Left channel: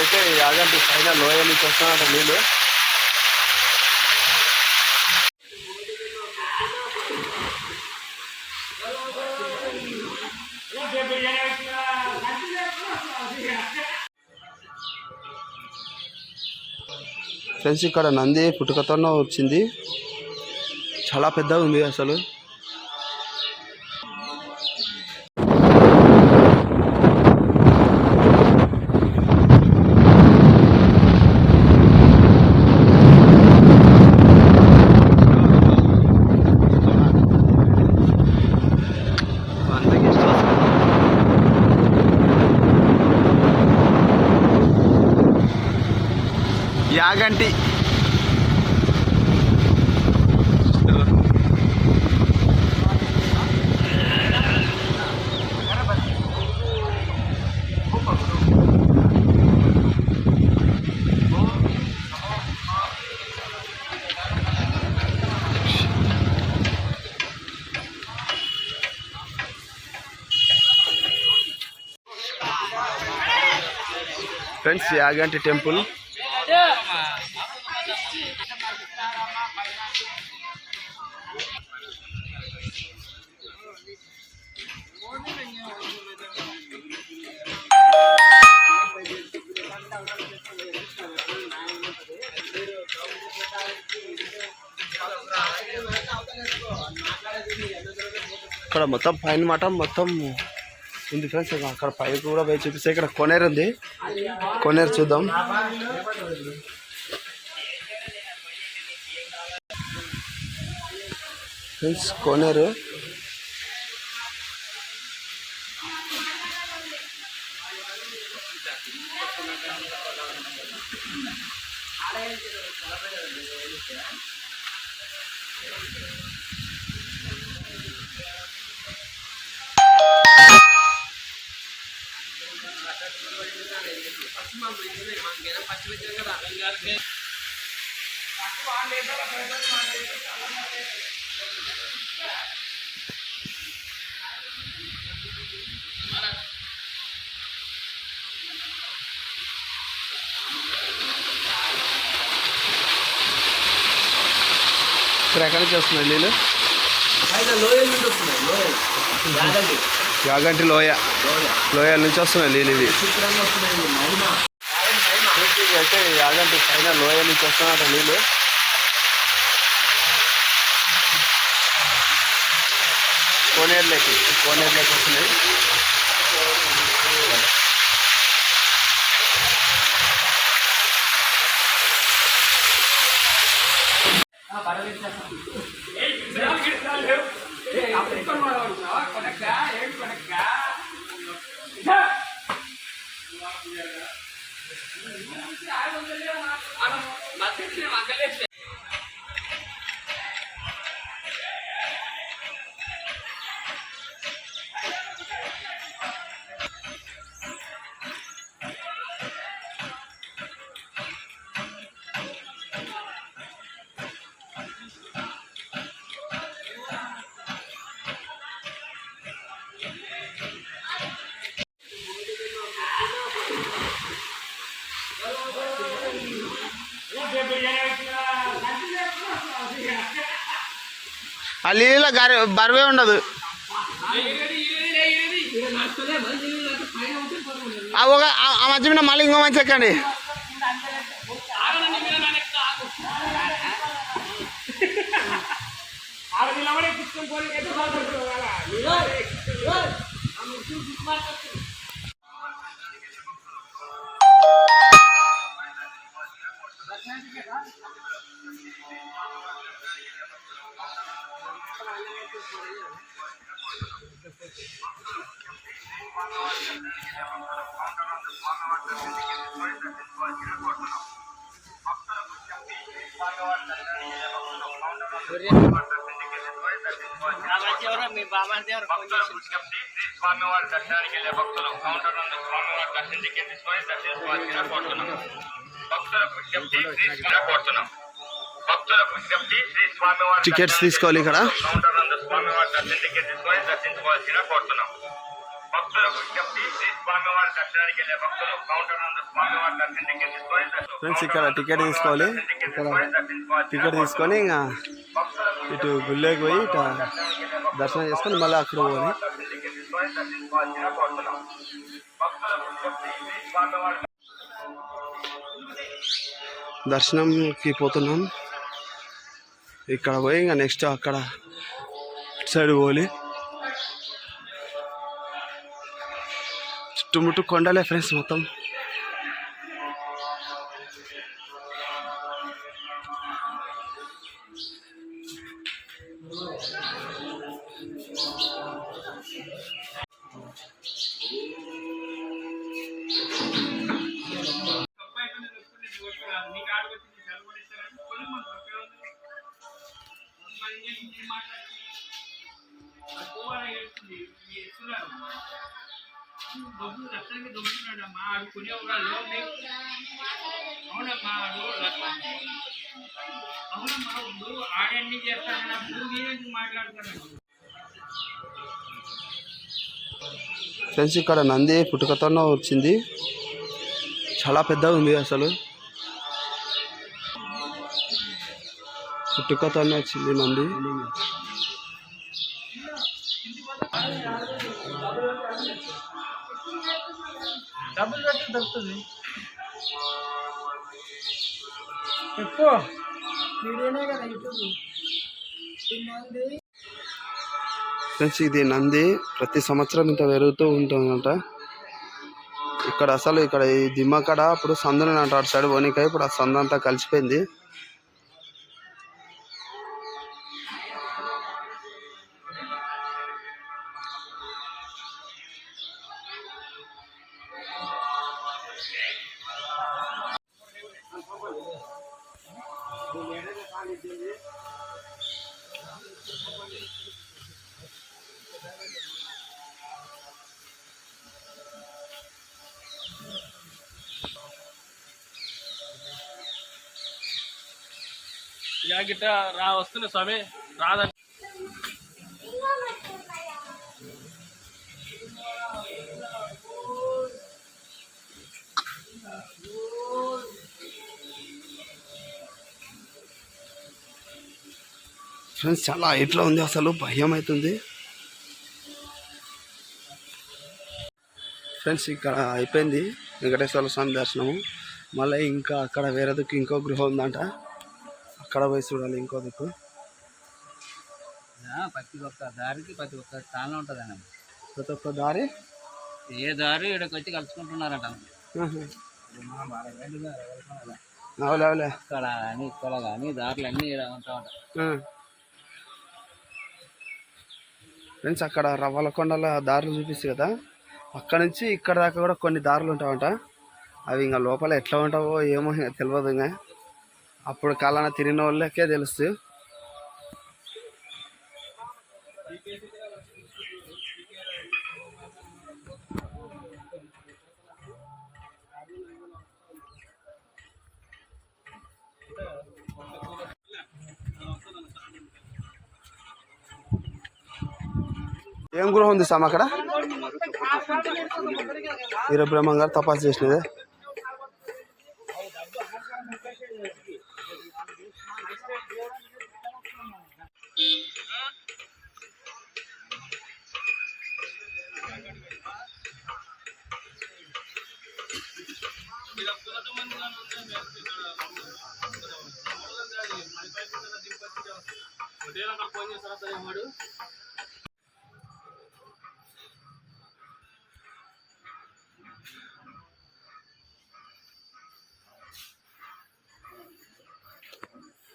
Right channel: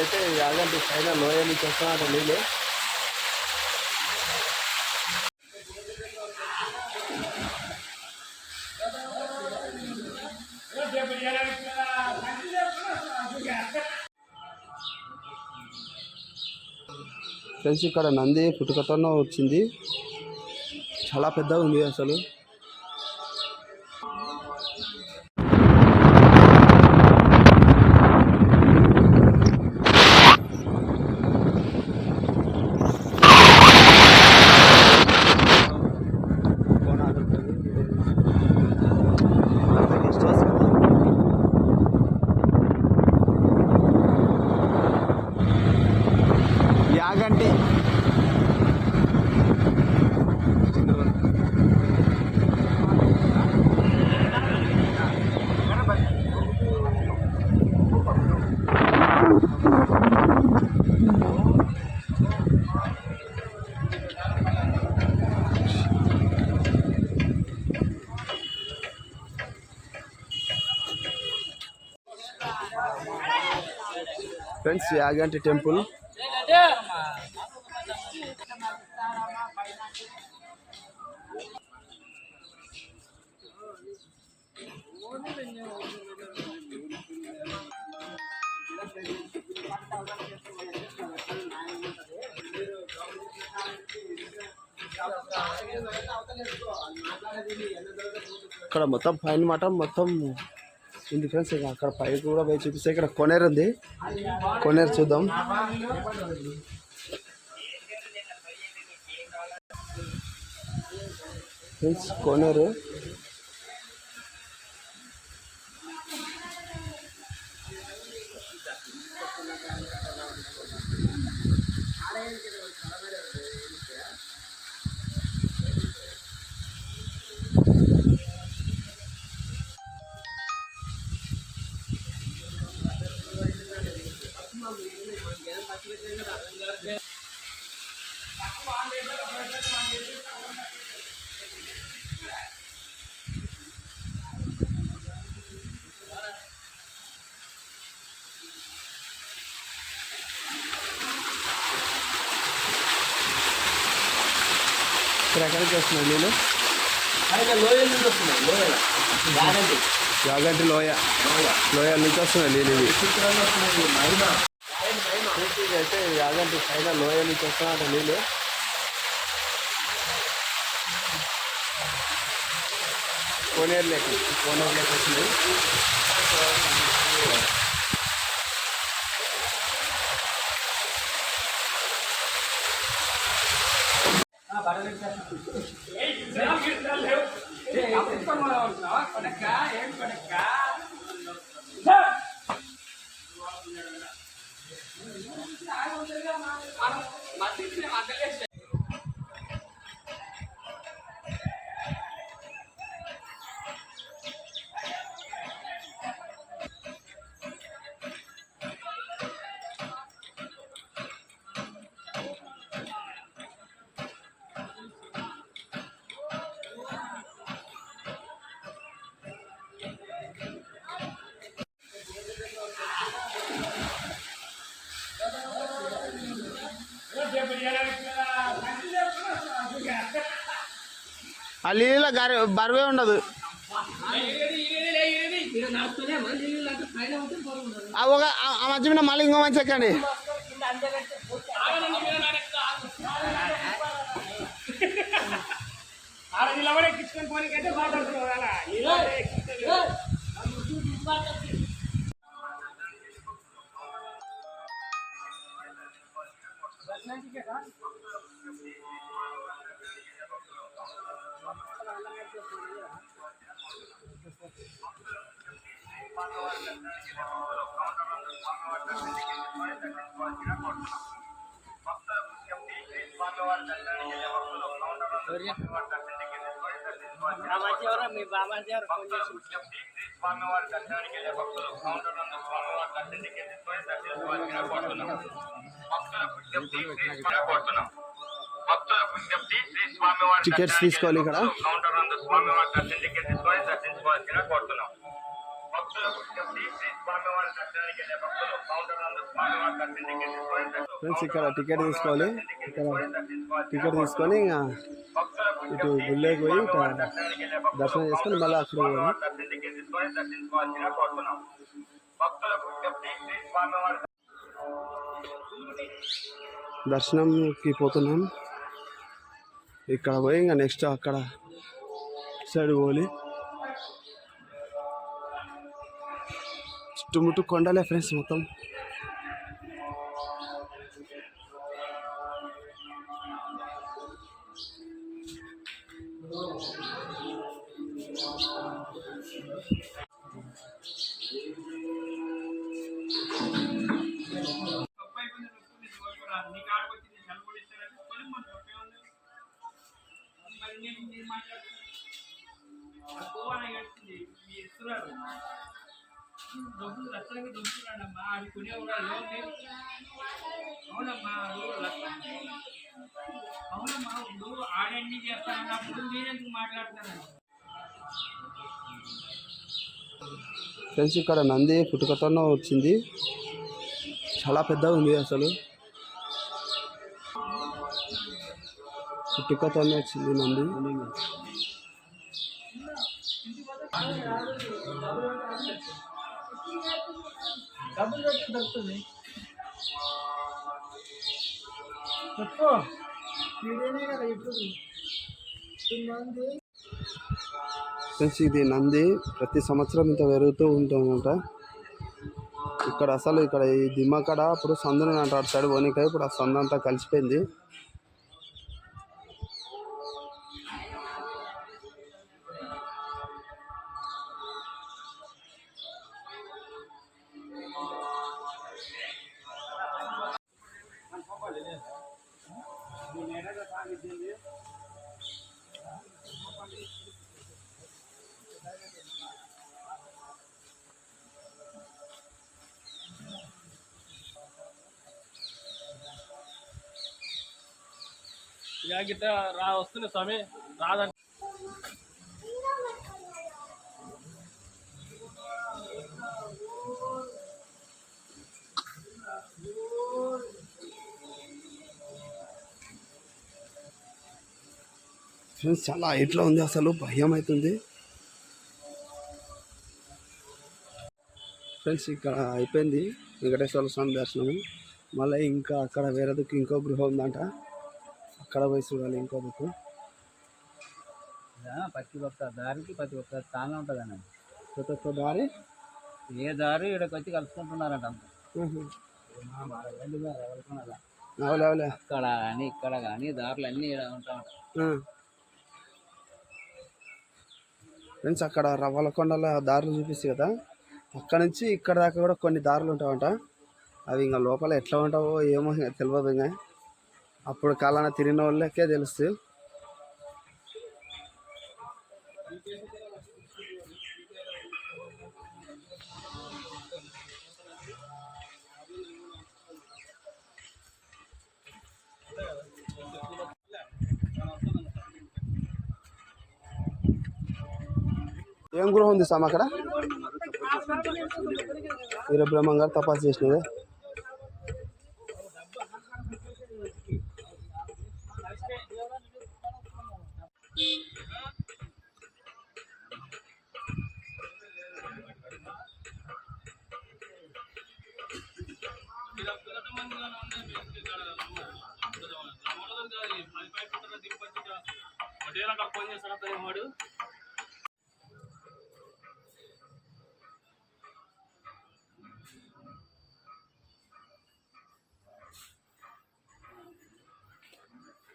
అయితే యాగంటి పైన లోయ నుంచి వస్తున్నట్టు నీళ్ళు. ఫ్రెండ్స్ ఇక్కడ నంది పుట్టుకతోనే వచ్చింది, చాలా పెద్దగా ఉంది అసలు. Yaganti friends, Yaganti temple. ఇక్కడ మొత్తం పైన మాట మొత్తం ఉంది ఫ్రెండ్స్. అక్కడ పైకి కూడా పోయి చూపిస్తే ఇక్కడ కొనేరు ఉంది, కొనేరు చూద్దాం. ఫ్రెండ్స్ కొనేరు ఇక్కడ ఎక్కడి నుంచి వస్తున్నాయి నీళ్ళు? యాగంటి లోయ, లోయల నుంచి వస్తున్నాయి నీళ్ళు ఇవి. అయితే యాగంటి పైన లోయ నుంచి వస్తున్నట్టు నీళ్ళు. కోనేరులోకి వస్తున్నాయి. ఆ నీళ్ళ బరువే ఉండదు. ఆ మధ్య మీద మళ్ళీ ఇంకో మంచి ఎక్కండి. స్వామివారి దర్శనానికి వెళ్ళే భక్తులు కౌంటర్ నందు స్వామివారి దర్శనం టికెట్ తీసుకొని దర్శించుకోవాల్సిన కోరుతున్నాం. భక్తులకు విజ్ఞప్తి, శ్రీ స్వామివారి టికెట్స్ తీసుకోవాలి. ఇక్కడ కౌంటర్ నందు స్వామివారి దర్శనం టికెట్ తీసుకొని దర్శించుకోవాల్సిన కోరుతున్నాం. భక్తులకు విజ్ఞప్తి శ్రీ స్వామివారి దర్శనానికి వెళ్ళే భక్తులు కౌంటర్ నందు స్వామివారి దర్శనం టికెట్ తీసుకొని ఫ్రెండ్స్ ఇక్కడ టికెట్ తీసుకోవాలి. టికెట్ తీసుకొని ఇంకా ఇటు గుళ్ళోకి పోయి ఇటు దర్శనం చేసుకొని మళ్ళీ అక్కడ పోవాలి. దర్శనంకి పోతున్నాం. ఇక్కడ పోయి ఇంకా నెక్స్ట్ అక్కడ సైడ్ పోవాలి. చుట్టుముట్టు కొండలే ఫ్రెండ్స్ మొత్తం. దొంగడమ్మా ఆడుకునే వాళ్ళు అవునమ్మా అవునమ్మా ఇప్పుడు ఆడన్నీ చేస్తానన్నప్పుడు మీరెందుకు మాట్లాడతాను. ఫ్రెండ్స్ ఇక్కడ నంది పుట్టుకతోనే వచ్చింది. చాలా పెద్దగా ఉంది. అసలు పుట్టుకతోనే వచ్చింది నంది. డబ్బులు పెట్టి దొరుకుతుంది. ఎక్కువ వీడియోనే కదా యూట్యూబ్. ఫ్రెండ్స్ ఇది నంది ప్రతి సంవత్సరం ఇంత పెరుగుతూ ఉంటుందంట. ఇక్కడ అసలు ఇక్కడ ఈ దిమ్మకడ అప్పుడు సందుని అంట అటు సైడ్ పోనీకాయ. ఇప్పుడు ఆ సందు అంతా కలిసిపోయింది. గిట్ట వస్తుంది స్వామి రాదండి. ఫ్రెండ్స్ చాలా హైట్లో ఉంది. అసలు భయం అవుతుంది. ఫ్రెండ్స్ ఇక్కడ అయిపోయింది వెంకటేశ్వర స్వామి దర్శనము. మళ్ళీ ఇంకా అక్కడ వేరే దిక్కు ఇంకో గృహం ఉందంట. అక్కడ పోయి చూడాలి ఇంకో దిక్కు. ప్రతి ఒక్క దారికి ప్రతి ఒక్క స్థానం ఉంటుంది అన్న. ప్రతి ఒక్క దారి ఏ దారి ఇక్కడికి వచ్చి కలుసుకుంటున్నారంట. అవులే ఇక్కడ కానీ ఇక్కడ కానీ దారులు అన్నీ ఉంటా ఉంటాయి. ఫ్రెండ్స్ అక్కడ రవ్వలకొండల దారులు చూపిస్తుంది కదా, అక్కడ నుంచి ఇక్కడ దాకా కూడా కొన్ని దారులు ఉంటాయంట. అవి ఇంకా లోపల ఎట్లా ఉంటావో ఏమో తెలియదు. ఇంకా అప్పుడు కాలాన తిరిగిన వాళ్ళకే తెలుస్తుంది. ఏం గృహం ఉంది సార్ అక్కడ? వీరబ్రహ్మం గారు తపాసు చేసినదే. ఫోన్ చేస్తారా?